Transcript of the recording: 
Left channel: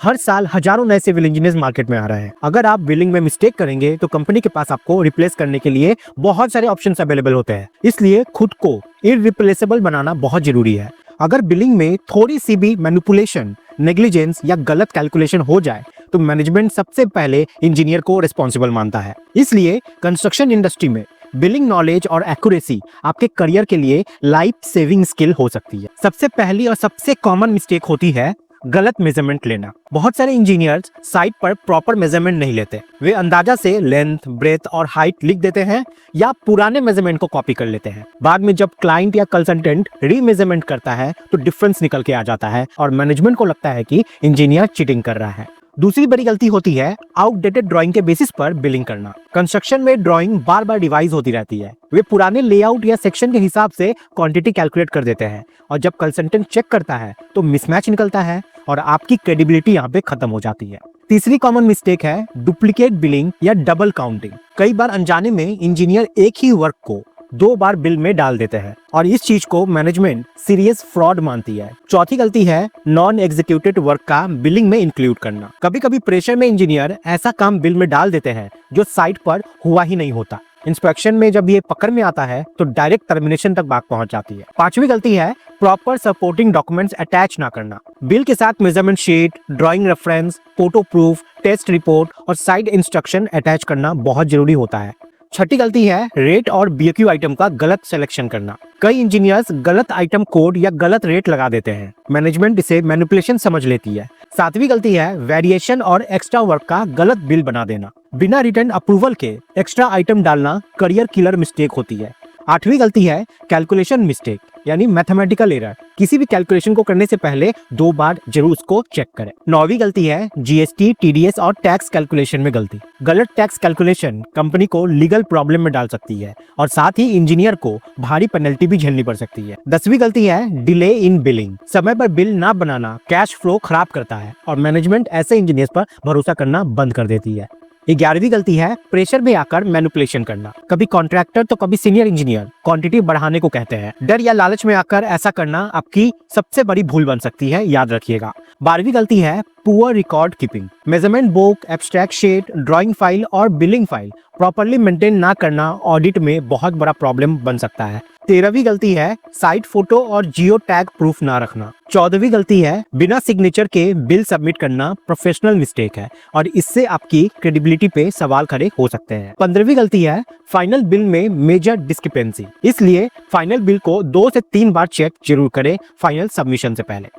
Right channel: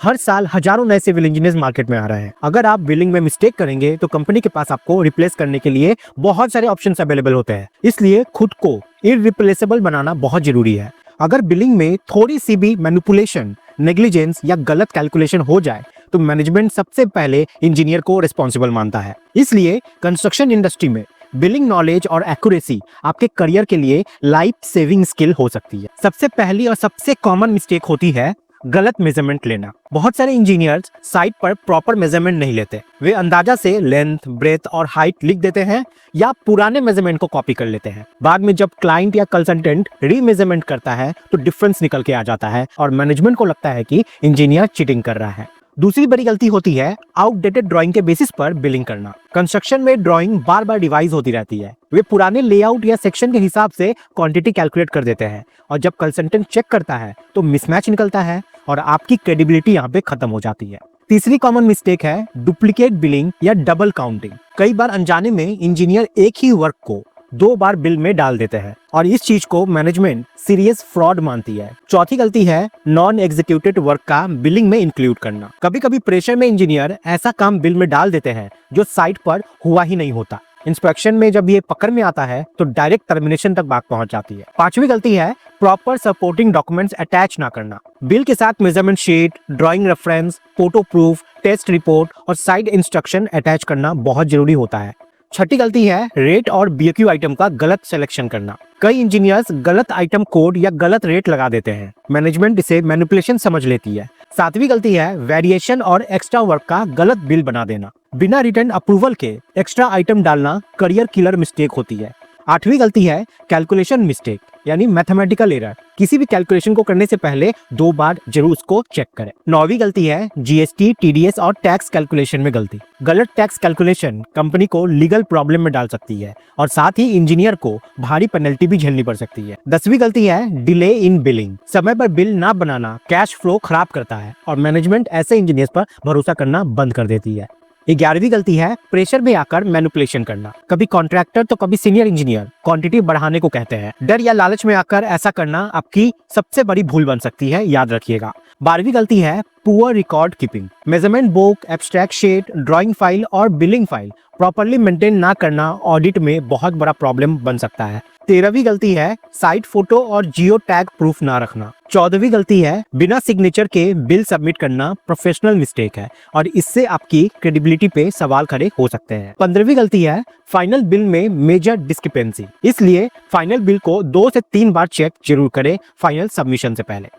हर साल हजारों नए सिविल इंजीनियर्स मार्केट में आ रहे हैं। अगर आप बिलिंग में मिस्टेक करेंगे तो कंपनी के पास आपको रिप्लेस करने के लिए बहुत सारे ऑप्शंस अवेलेबल होते हैं। इसलिए खुद को इररिप्लेसेबल बनाना बहुत जरूरी है। अगर बिलिंग में थोड़ी सी भी मैनिपुलेशन, नेग्लिजेंस या गलत कैलकुलेशन हो जाए तो मैनेजमेंट सबसे पहले इंजीनियर को रिस्पॉन्सिबल मानता है। इसलिए कंस्ट्रक्शन इंडस्ट्री में बिलिंग नॉलेज और एक्यूरेसी आपके करियर के लिए लाइफ सेविंग स्किल हो सकती है। सबसे पहली और सबसे कॉमन मिस्टेक होती है गलत मेजरमेंट लेना। बहुत सारे इंजीनियर्स साइट पर प्रॉपर मेजरमेंट नहीं लेते। वे अंदाजा से लेंथ, ब्रेथ और हाइट लिख देते हैं या पुराने मेजरमेंट को कॉपी कर लेते हैं। बाद में जब क्लाइंट या कंसल्टेंट रीमेजरमेंट करता है तो डिफरेंस निकल के आ जाता है और मैनेजमेंट को लगता है कि इंजीनियर चीटिंग कर रहा है। दूसरी बड़ी गलती होती है आउटडेटेड ड्राइंग के बेसिस पर बिलिंग करना। कंस्ट्रक्शन में ड्राइंग बार बार रिवाइज होती रहती है। वे पुराने लेआउट या सेक्शन के हिसाब से क्वांटिटी कैलकुलेट कर देते हैं और जब कंसल्टेंट चेक करता है तो मिसमैच निकलता है और आपकी क्रेडिबिलिटी यहाँ पे खत्म हो जाती है। तीसरी कॉमन मिस्टेक है डुप्लीकेट बिलिंग या डबल काउंटिंग। कई बार अनजाने में इंजीनियर एक ही वर्क को 2 बार बिल में डाल देता है और इस चीज को मैनेजमेंट सीरियस फ्रॉड मानती है। चौथी गलती है नॉन एग्जीक्यूटेड वर्क का बिलिंग में इंक्लूड करना। कभी कभी प्रेशर में इंजीनियर ऐसा काम बिल में डाल देते हैं जो साइट पर हुआ ही नहीं होता। इंस्पेक्शन में जब ये पकड़ में आता है तो डायरेक्ट टर्मिनेशन तक बात पहुंच जाती है। पांचवी गलती है प्रॉपर सपोर्टिंग डॉक्यूमेंट्स अटैच ना करना। बिल के साथ measurement sheet, drawing reference, photo proof, test report और साइड इंस्ट्रक्शन अटैच करना बहुत जरूरी होता है। छठी गलती है रेट और बीएक्यू आइटम का गलत सिलेक्शन करना। कई इंजीनियर्स गलत आइटम कोड या गलत रेट लगा देते हैं। मैनेजमेंट इसे मैनिपुलेशन समझ लेती है। सातवीं गलती है वेरिएशन और एक्स्ट्रा वर्क का गलत बिल बना देना। बिना रिटर्न अप्रूवल के एक्स्ट्रा आइटम डालना करियर किलर मिस्टेक होती है। आठवीं गलती है कैलकुलेशन मिस्टेक यानी मैथमेटिकल एरर। किसी भी कैलकुलेशन को करने से पहले 2 बार जरूर उसको चेक करें। 9वीं गलती है जीएसटी, टीडीएस और टैक्स कैलकुलेशन में गलती। गलत टैक्स कैलकुलेशन कंपनी को लीगल प्रॉब्लम में डाल सकती है और साथ ही इंजीनियर को भारी पेनल्टी भी झेलनी पड़ सकती है। 10वीं गलती है डिले इन बिलिंग। समय पर बिल ना बनाना कैश फ्लो खराब करता है और मैनेजमेंट ऐसे इंजीनियर्स पर भरोसा करना बंद कर देती है। 11वीं गलती है प्रेशर में आकर मैनिपुलेशन करना। कभी कॉन्ट्रैक्टर तो कभी सीनियर इंजीनियर क्वांटिटी बढ़ाने को कहते हैं। डर या लालच में आकर ऐसा करना आपकी सबसे बड़ी भूल बन सकती है, याद रखिएगा। 12वीं गलती है poor record keeping. Measurement book, abstract sheet, drawing file और बिलिंग फाइल प्रॉपर्ली मेंटेन ना करना ऑडिट में बहुत बड़ा प्रॉब्लम बन सकता है। 13वीं गलती है साइट फोटो और जियो टैग प्रूफ ना रखना। 14वीं गलती है बिना सिग्नेचर के बिल सबमिट करना प्रोफेशनल मिस्टेक है और इससे आपकी क्रेडिबिलिटी पे सवाल खड़े हो सकते हैं। 15वीं गलती है फाइनल बिल में मेजर डिस्क्रिपेंसी। इसलिए फाइनल बिल को 2 से 3 बार चेक जरूर करें फाइनल सबमिशन से पहले।